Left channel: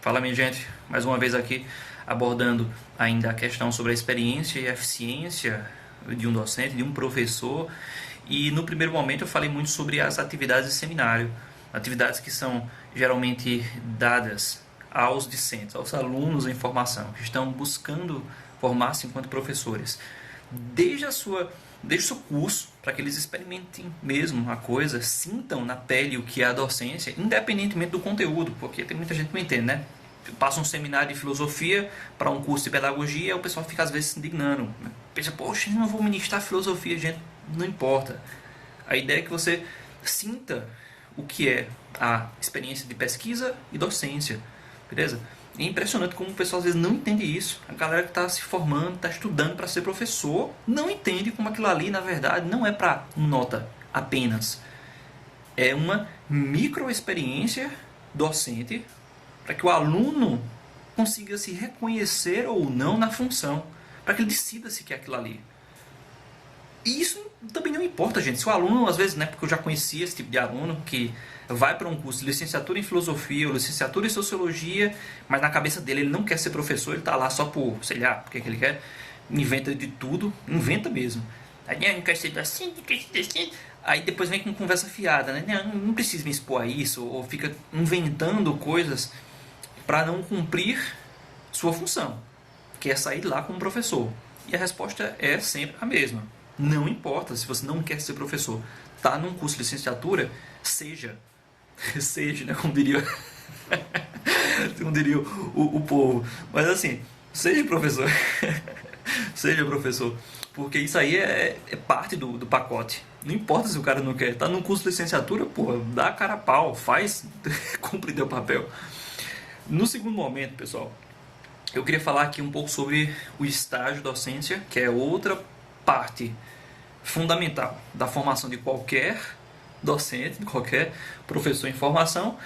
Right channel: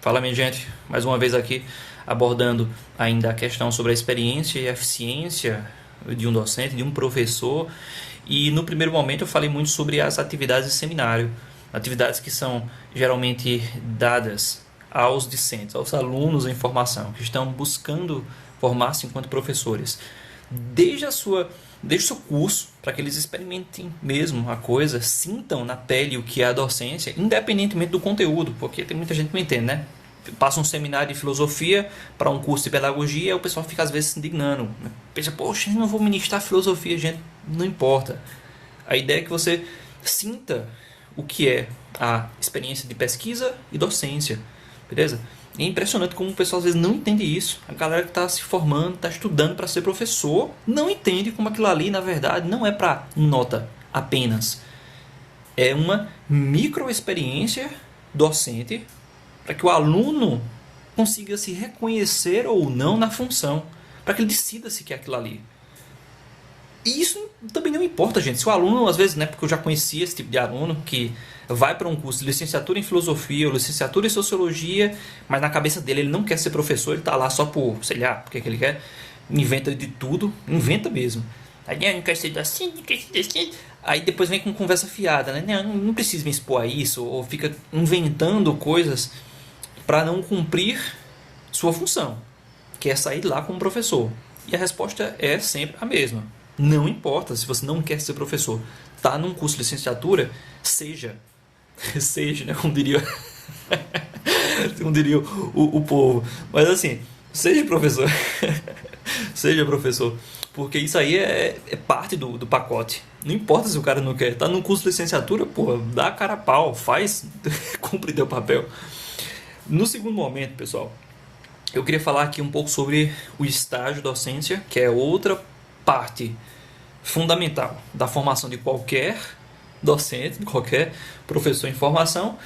Fala, minha gente, mais uma vez aqui abordando ainda a questão sobre a experiência e a eficiência de um docente, de um professor. E no primeiro momento eu falei muito sobre as atividades de seminário, atividades que são geralmente dadas aos discentes, aos alunos em formação, que estão buscando formar-se enquanto professores. Desde a sua Desde o seu curso, para que eles experimentem mesmo a coisa, sintam na pele o que é a docência, independentemente do conteúdo, porque tem muita gente que não entende, né? Passa um seminário de filosofia para um curso de pedagogia, o pessoal fica às vezes se indignando. Pensa, poxa, eu não vou ministrar filosofia, gente, não importa. A ideia é que você sinta o que é a experiência de pesquisa e docência, beleza? É impressionante como o pessoal às vezes não entende isso. A galera que está se formando, está estudando para ser professor, não entende como aquilo ali, na verdade, não é para nota apenas. É uma microexperiência docente para que o aluno consiga se reconhecer ou não na função, para que ele decida se quer aquilo ali. E isso também não importa, gente. Se o aluno, às vezes, né, porque eu já conhecia esse tipo de aluno que vai para um curso de licenciatura em filosofia ou licenciatura em sociologia, mas na cabeça dele ele não quer ser professor, ele está lá só por, sei lá, porque que ele quer, inventa de tudo, inventa mesmo. Aí não quer ser assim, não quer ser assim. Aí depois vem com conversa fiada, né? Não precisa me expor a isso, ou fica inventando coisas para não cumprir sua função, que é sair lá como professor. E a resposta é sempre a mesma. Não importa se você não quer ser professor. Tá num curso de licenciatura, seja. Seja, né? Como diria, como diria o povo. Mas assim, seja professor. Seja professor. Porque isso aí é parte do pacote. Não importa se o cara não quer. Tá num curso de licenciatura, pô, dá a cara a pau, faz, cumpre teu papel. No segundo momento, pessoal, eu queria falar aqui um pouco sobre o estágio docência, que é outra parte fundamental da formação de qualquer docente, de qualquer professor em formação.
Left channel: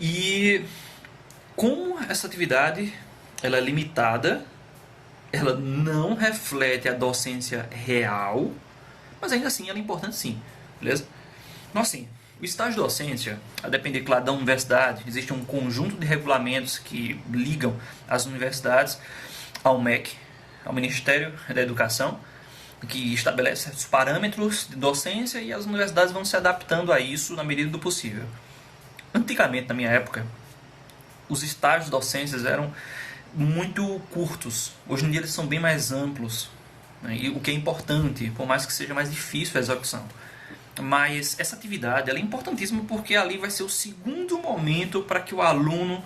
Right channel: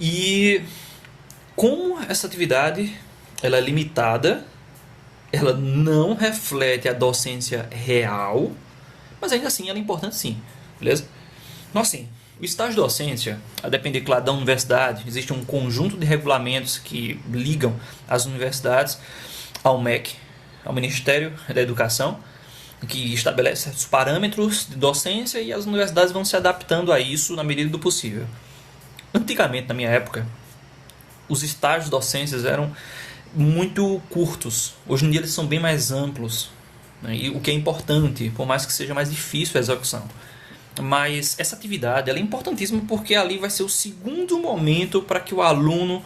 E como essa atividade ela é limitada, ela não reflete a docência real, mas ainda assim ela é importante sim, beleza? Então assim, o estágio de docência, a depender, claro, da universidade, existe um conjunto de regulamentos que ligam as universidades ao MEC, ao Ministério da Educação, que estabelece certos parâmetros de docência e as universidades vão se adaptando a isso na medida do possível. Antigamente, na minha época, os estágios de docências eram muito curtos. Hoje em dia eles são bem mais amplos, né? E o que é importante, por mais que seja mais difícil a execução. Mas essa atividade ela é importantíssima porque ali vai ser o segundo momento para que o aluno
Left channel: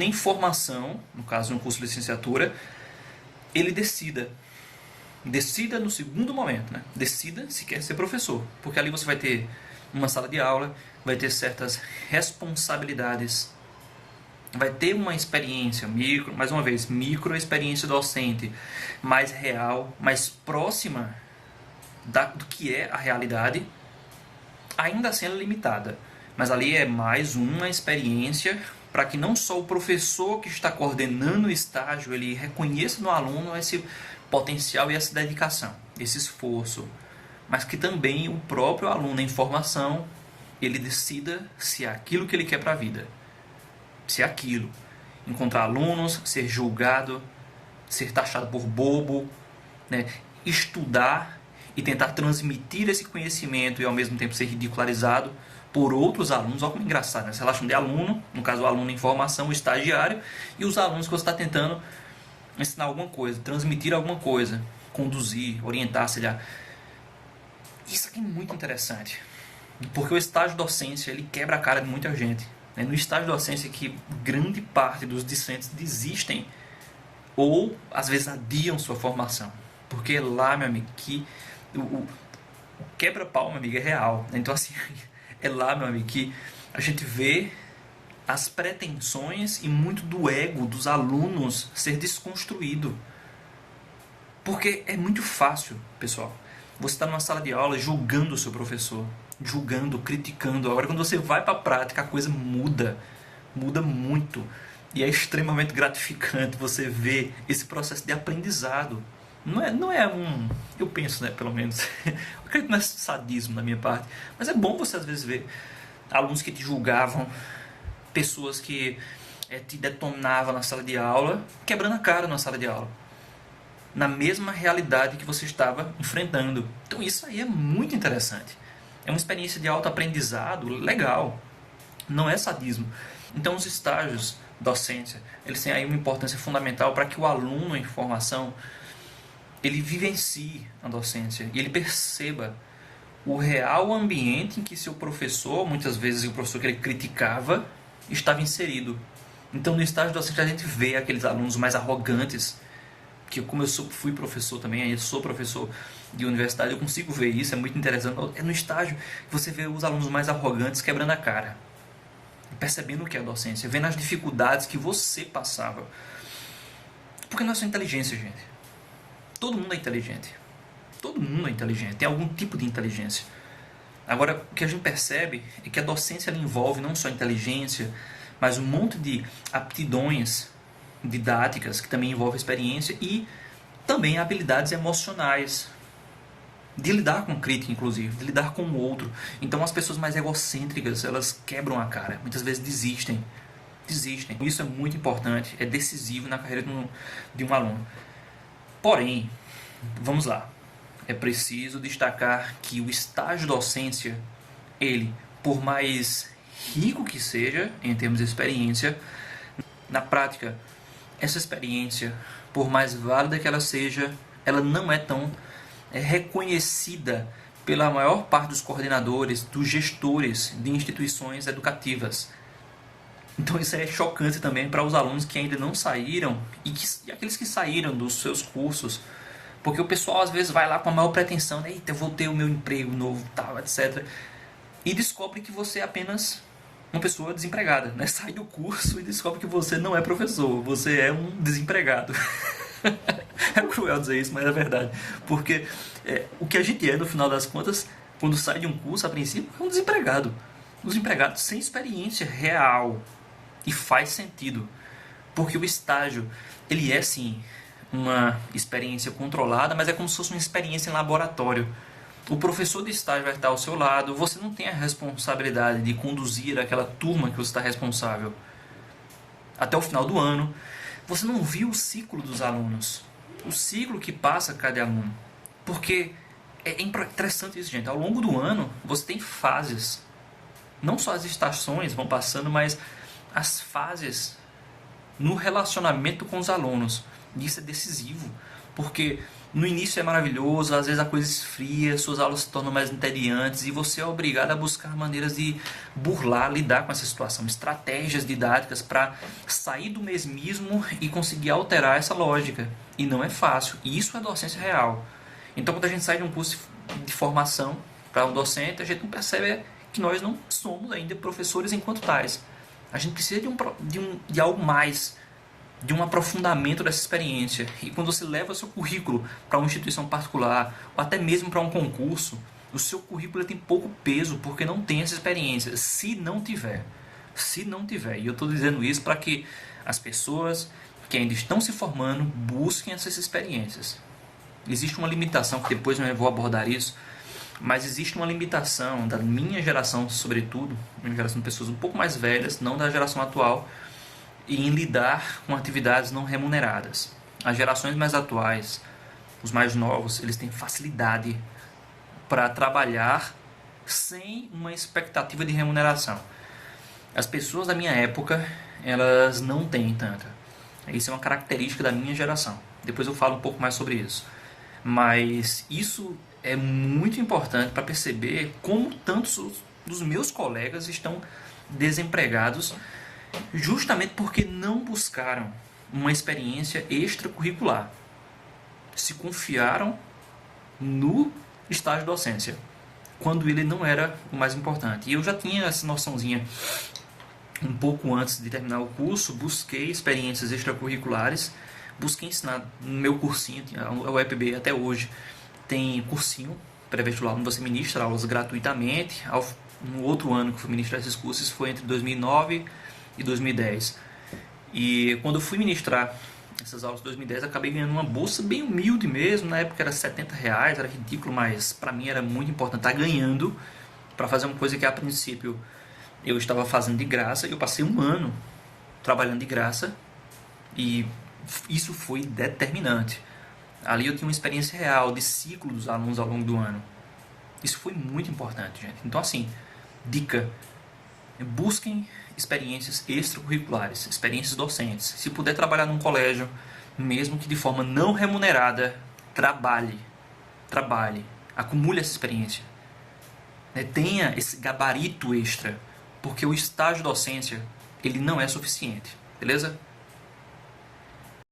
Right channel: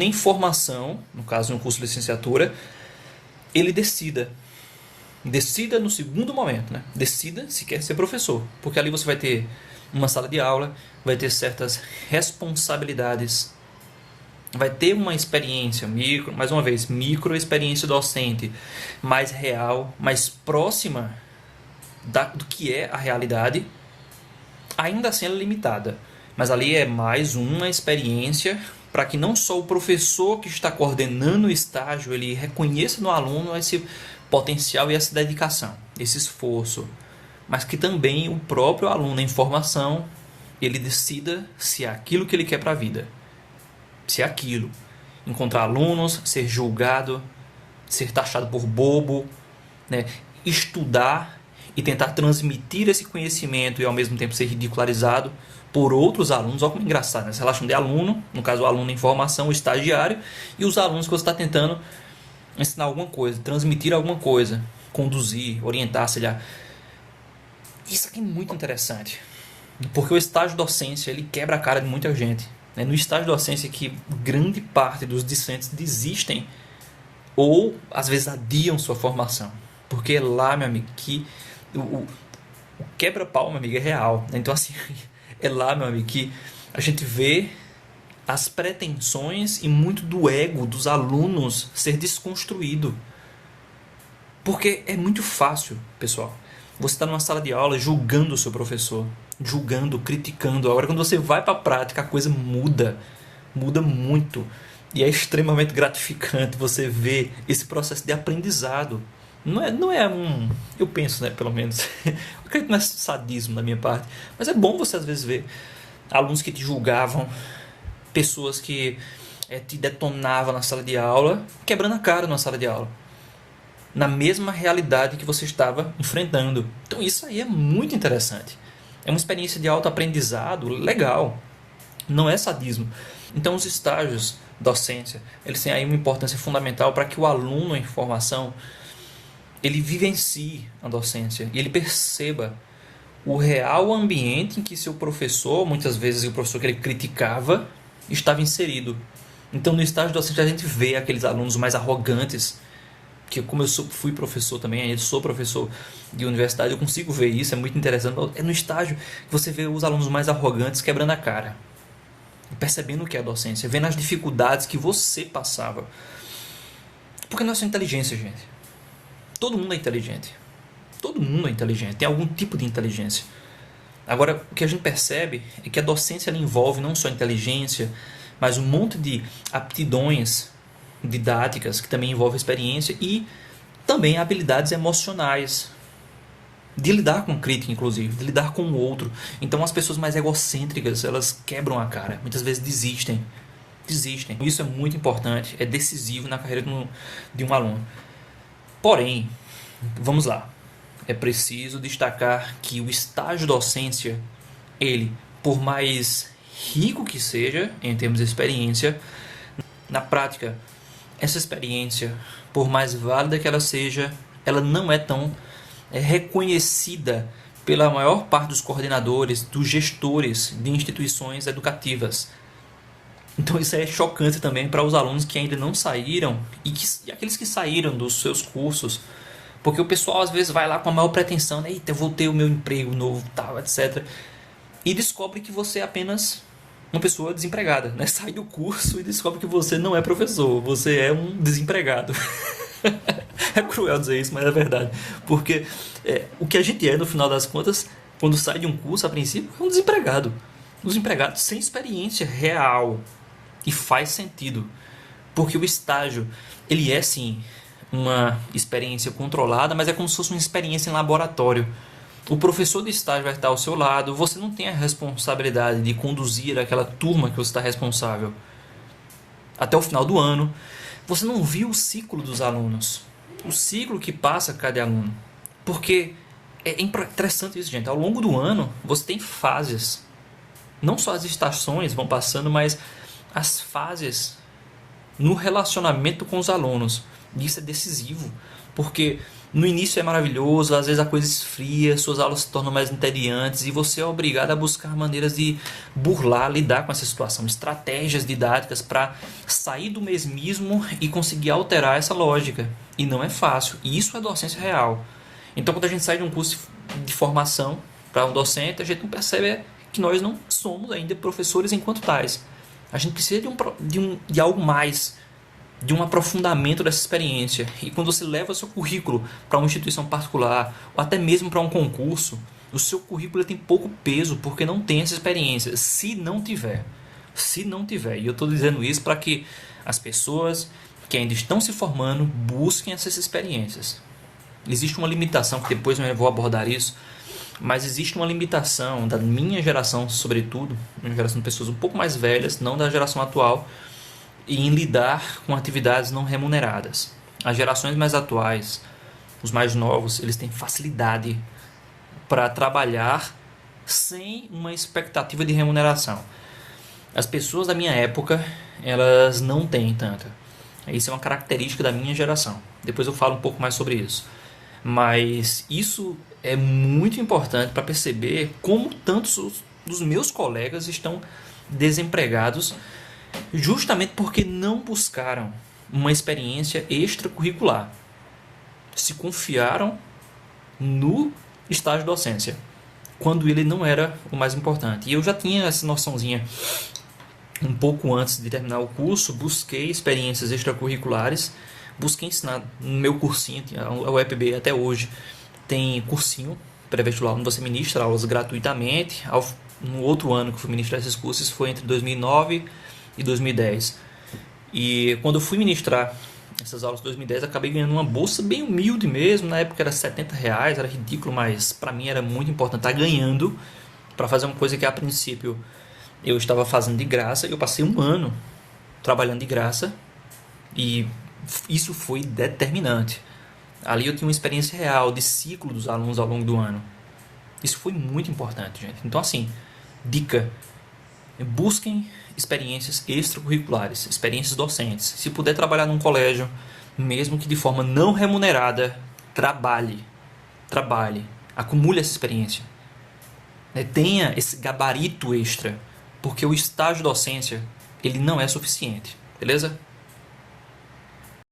em formação, no caso de um curso de licenciatura, ele decida no segundo momento, né? Decida se quer ser professor, porque ali você vai ter uma sala de aula, vai ter certas responsabilidades, vai ter uma experiência mais uma vez, micro experiência docente, mais real, mais próxima do que é a realidade. Ainda assim ela é limitada, mas ali é mais uma experiência para que não só o professor que está coordenando o estágio ele reconheça no aluno esse potencial e essa dedicação, esse esforço, mas que também o próprio aluno em formação ele decida se é aquilo que ele quer para a vida, se é aquilo. Encontrar alunos, ser julgado, ser taxado por bobo, né? Estudar e tentar transmitir esse conhecimento e ao mesmo tempo ser ridicularizado por outros alunos. Olha como é engraçado, né? Essa relação de aluno, no caso o aluno em formação, o estagiário, e os alunos que você está tentando ensinar alguma coisa, transmitir alguma coisa, conduzir, orientar, sei lá. Isso aqui é muito interessante, porque o estágio de docência ele quebra a cara de muita gente. É no estágio de docência que grande parte dos discentes desistem ou às vezes adiam sua formação, porque é lá, meu amigo, que o quebra-pau, meu amigo, é real. Então assim, é lá, meu amigo, que a gente vê as pretensões e muito do ego dos alunos ser desconstruído. Porque é muito fácil, pessoal. Você está numa sala de aula julgando o seu professor, julgando, criticando. Agora, quando você vai para a prática, a coisa muda. Muda muito. E é extremamente gratificante você ver esse processo de aprendizado. Não é um... Eu penso, né, pelo menos. Eu acredito que não é sadismo da minha parte. Mas é bom você, às vezes, ver alunos que te julgavam, pessoas que te detonava na sala de aula, quebrando a cara na sala de aula, na mesma realidade que você estava enfrentando. Então isso aí é muito interessante. É uma experiência de autoaprendizado legal. Não é sadismo. Então os estágios docência, eles têm aí uma importância fundamental para que o aluno em formação ele vivencie a docência e ele perceba o real ambiente em que seu professor, muitas vezes o professor que ele criticava, estava inserido. Então no estágio docente a gente vê aqueles alunos mais arrogantes, que como fui professor também, ainda sou professor de universidade, eu consigo ver isso, é muito interessante. É no estágio que você vê os alunos mais arrogantes quebrando a cara, percebendo o que é a docência, vendo as dificuldades que você passava. Porque nós somos inteligência, gente. Todo mundo é inteligente. Todo mundo é inteligente, tem algum tipo de inteligência. Agora, o que a gente percebe é que a docência ela envolve não só inteligência, mas um monte de aptidões didáticas, que também envolve experiência, e também habilidades emocionais, de lidar com crítica, inclusive, de lidar com o outro. Então, as pessoas mais egocêntricas, elas quebram a cara, muitas vezes desistem. Isso é muito importante, é decisivo na carreira de um aluno. Porém, vamos lá. É preciso destacar que o estágio docência, ele, por mais rico que seja em termos de experiência, na prática, essa experiência, por mais válida que ela seja, ela não é tão reconhecida pela maior parte dos coordenadores, dos gestores de instituições educativas. Então isso é chocante também para os alunos que ainda não saíram e aqueles que saíram dos seus cursos. Porque o pessoal às vezes vai lá com a maior pretensão, né? Eita, eu vou ter o meu emprego novo, tal, etc. E descobre que você é apenas uma pessoa desempregada, né? Sai do curso e descobre que você não é professor, você é um desempregado. É cruel dizer isso, mas é verdade. Porque o que a gente é, no final das contas, quando sai de um curso, a princípio, é um desempregado. Um desempregado sem experiência real. E faz sentido. Porque o estágio, ele é sim uma experiência controlada, mas é como se fosse uma experiência em laboratório. O professor de estágio vai estar ao seu lado, você não tem a responsabilidade de conduzir aquela turma que você está responsável até o final do ano. Você não viu o ciclo dos alunos, o ciclo que passa cada aluno. Porque é interessante isso, gente. Ao longo do ano, você tem fases. Não só as estações vão passando, mas as fases no relacionamento com os alunos. Isso é decisivo, porque no início é maravilhoso, às vezes a coisa esfria, suas aulas se tornam mais entediantes e você é obrigado a buscar maneiras de burlar, lidar com essa situação, estratégias didáticas para sair do mesmismo e conseguir alterar essa lógica. E não é fácil, e isso é docência real. Então quando a gente sai de um curso de formação para um docente, a gente não percebe que nós não somos ainda professores enquanto tais. A gente precisa de algo mais, de um aprofundamento dessa experiência. E quando você leva seu currículo para uma instituição particular, ou até mesmo para um concurso, o seu currículo tem pouco peso, porque não tem essa experiência, se não tiver. E eu estou dizendo isso para que as pessoas que ainda estão se formando busquem essas experiências. Existe uma limitação, que depois eu vou abordar isso, mas existe uma limitação da minha geração, sobretudo, uma geração de pessoas um pouco mais velhas, não da geração atual, em lidar com atividades não remuneradas. As gerações mais atuais, os mais novos, eles têm facilidade para trabalhar sem uma expectativa de remuneração. As pessoas da minha época, elas não têm tanta. Isso é uma característica da minha geração. Depois eu falo um pouco mais sobre isso. Mas isso é muito importante para perceber como tantos dos meus colegas estão desempregados justamente porque não buscaram uma experiência extracurricular. Se confiaram no estágio de docência, quando ele não era o mais importante. E eu já tinha essa noçãozinha um pouco antes de terminar o curso, busquei experiências extracurriculares, busquei ensinar no meu cursinho, a UEPB até hoje tem cursinho pré-vestibular, onde você ministra aulas gratuitamente. No outro ano que eu fui ministrar esses cursos foi entre 2009 e 2010. E quando eu fui ministrar essas aulas de 2010, acabei ganhando uma bolsa bem humilde mesmo. Na época era R$70, era ridículo, mas para mim era muito importante estar ganhando para fazer uma coisa que a princípio eu estava fazendo de graça. E eu passei um ano trabalhando de graça, e isso foi determinante. Ali eu tinha uma experiência real de ciclo dos alunos ao longo do ano. Isso foi muito importante, gente. Então, assim, dica: busquem experiências extracurriculares, experiências docentes. Se puder trabalhar num colégio, mesmo que de forma não remunerada, trabalhe, acumule essa experiência. Tenha esse gabarito extra, porque o estágio docência, ele não é suficiente, beleza?